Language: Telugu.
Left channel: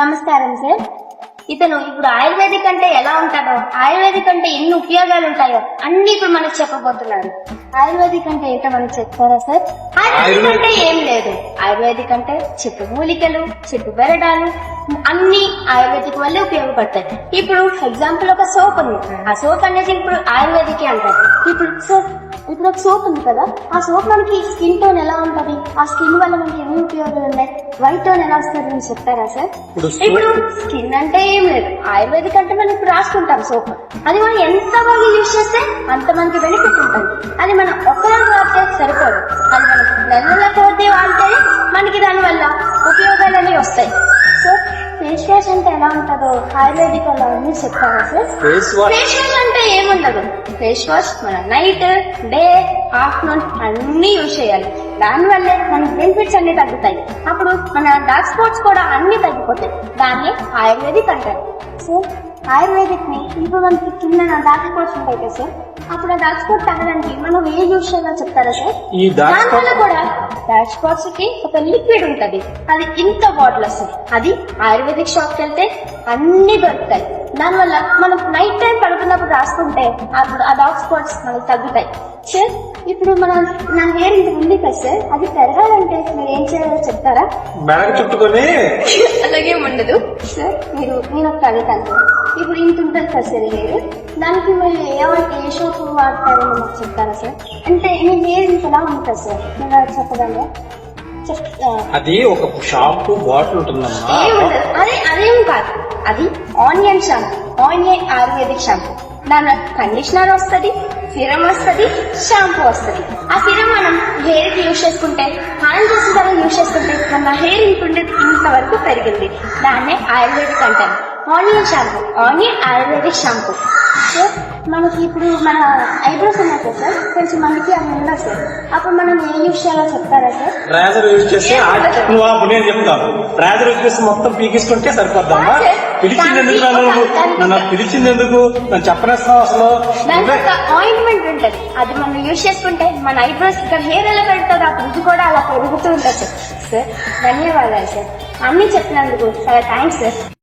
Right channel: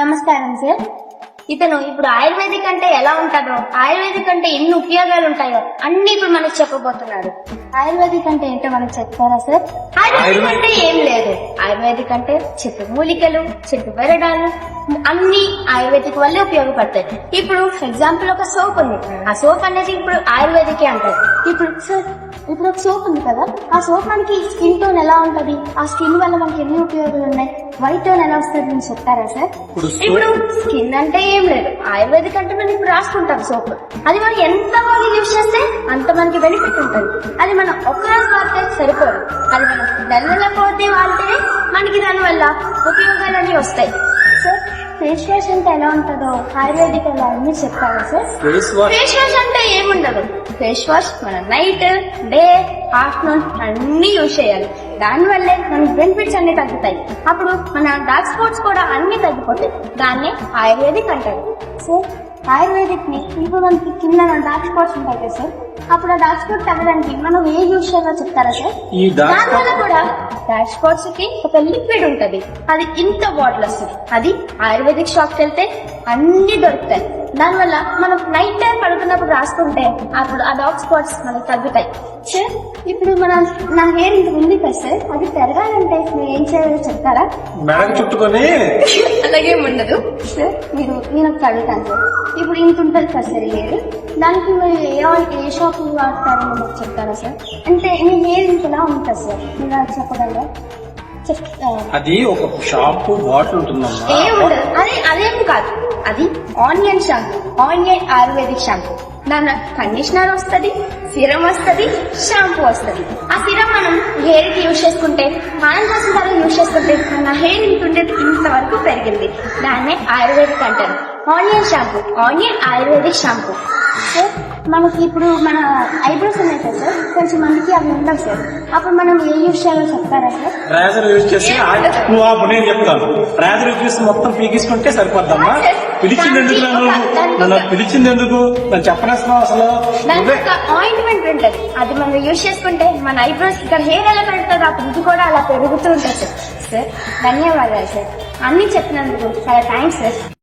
నమస్కారం సార్. ఇతను ఇప్పుడు ఆయుర్వేదిక్ అంటే ఎలా ఉంటాడో, ఆయుర్వేదిక్ అంటే ఎన్ని ఉపయోగాలు ఉంటాయో అన్ని ఇప్పుడు మనకు చెప్పబోతున్నారు. ఆయుర్వేదిక్ అంటే ఏంటో మనకు చెప్తారా సార్? ఆయుర్వేదిక్ అంటే ఏం లేదు. ఆయుర్వేదిక్ అంటే చెట్టు మూలికలు, చెట్టు బెరడాలు అన్ని ఆయుర్వేదిక్ వల్లే ఉపయోగపడతాయి. ఇప్పుడు ఎగ్జాంపుల్ ఒక సోప్ ఉంది. ఆ సోప్ అనేది ఇప్పుడు ఆయుర్వేదిక్ అంటారు. ఇప్పుడు ఒక సోప్ ఉంది కదా, ఆ సోప్ మనకి స్కిన్ టోన్ ఎలా ఉంటది, ఆ స్కిన్ వల్ల మనకి ఎన్ని ఉపయోగాలు ఉన్నాయి, వైట్ టోన్ ఎలా వస్తుంది అని చెప్తారా సార్? ఇప్పుడు స్కిన్ అంటే ఏం లేదు. ఆయుర్వేదిక్ అంటే మనం ఇప్పుడు రాసుకుంటాం సోప్, అది మనం ఎంత బాగా యూజ్ చేస్తే అంత మనకి బెనిఫిట్ ఉంటుంది. అది మనం ఒక్కరోజు వాడితే సరిపోదు, అది మనం నెల పోతే వాడితే మనకి దాని వల్ల ఉపయోగాలు అనేవి వస్తాయి. సో ఫేస్ వాష్ అంటే ఎలా ఉంటుందో ఆయుర్వేదిక్ అలా అన్ని చెప్తారా సార్? ఫేస్ వాష్ అంటే ఏముండదు. ఫేస్ వాష్ మనం నైట్, డే, ఆఫ్టర్నూన్ అన్ని యూజ్ చేయాలి. దానివల్లే మనకి బెనిఫిట్స్ అన్ని తగ్గుతాయి. అప్పుడు మన డార్క్ స్పాట్స్ కూడా అన్ని తగ్గిపోతాయి. దాన్ని ఆయుర్వేదిక్ అంటారు. సో ఆయుర్వేదిక్ ని ఇప్పుడు మనకి కింద డార్క్ స్పాట్స్ ఉంటాయి కదా సార్, అప్పుడు ఆ డార్క్ స్పాట్ తగ్గడానికి మనం ఏ యూజ్ చేయాలో చెప్తారా సార్? దానివల్ల కూడా డార్క్ స్పాట్స్ కి ఒక లిక్విడ్ ఉంటది, అది ఇంత బాటిల్ వస్తుంది. అది ఆయుర్వేదిక్ షాప్ కి వెళ్తే అన్ని దొరుకుతాయి. దానివల్ల మనం నైట్ టైం పడుకున్నప్పుడు రాసుకుంటే అప్పుడు ఆ డార్క్ స్పాట్స్ మనకు తగ్గుతాయి. సార్ ఇప్పుడు నా హెయిర్ ఇంత ఉంది కదా సార్, అది పెరగాలంటే మీరు ఏం చేయాలో చెప్తారా? చుట్టుకొని అలాగే ఉండదు సార్. నేను ఒక అడుగుతాను సార్. ఇప్పుడు ఇంత ఉంటుంది కదా సార్ హెయిర్, దానికి మీరు ఏ షాప్ వాడతారని మాకు చెప్తారా సార్? అంటే మీ హెయిర్ ఇంతలా ఉంది కదా సార్, మీరు అది చెప్పగలరా? అది ఒక షాంపూ బాటిల్ ఉంటుందమ్మా. అదేం కాదు, అది onion shampoo, onion ayurvedic shampoo. దాని కండిషనర్ వస్తుంది, సిరం వస్తుంది, షాంపూ వస్తుంది. ఆ సిరం మనం హెయిర్ కి యూజ్ చేసుకుంటే, స్నానం చేసిన తర్వాత యూజ్ చేసుకుంటే మన హెయిర్ ఇంతవరకు పెరిగింది. దాన్నే ఆయుర్వేదిక్ అంటారు. Onion shampoo, onion ayurvedic shampoo. So మనకి ఇప్పుడు మన ఐబ్రోస్ ఉన్నాయి కదా సార్, కొంచెం మందికి అవి ఉండవు సార్, అప్పుడు మనం ఏ యూజ్ చేయాలో చెప్తారా సార్? రేజర్ యూజ్ చేసి నేను చెప్తాను. రేజర్ యూజ్ చేసి మొత్తం పీకిసుకుంటే సరిపోద్దమ్మా. పిలిచింది ఎందుకు నన్ను చెప్పనేస్తున్నావు అసలు? దానికి ఒక ఆయింట్మెంట్ ఉంటుంది, అది మనం యూజ్ చేసుకుంటే మన ఐబ్రోస్ ఇక్కడ హెయిర్ ఎలా పెరుగుతుందో ఆ ఇది కూడా అలా పెరుగుతూ ఉంటుంది సార్. సార్ ధన్యవాదాలు సార్, అన్ని చెప్పినందుకు చాలా థ్యాంక్స్ సార్.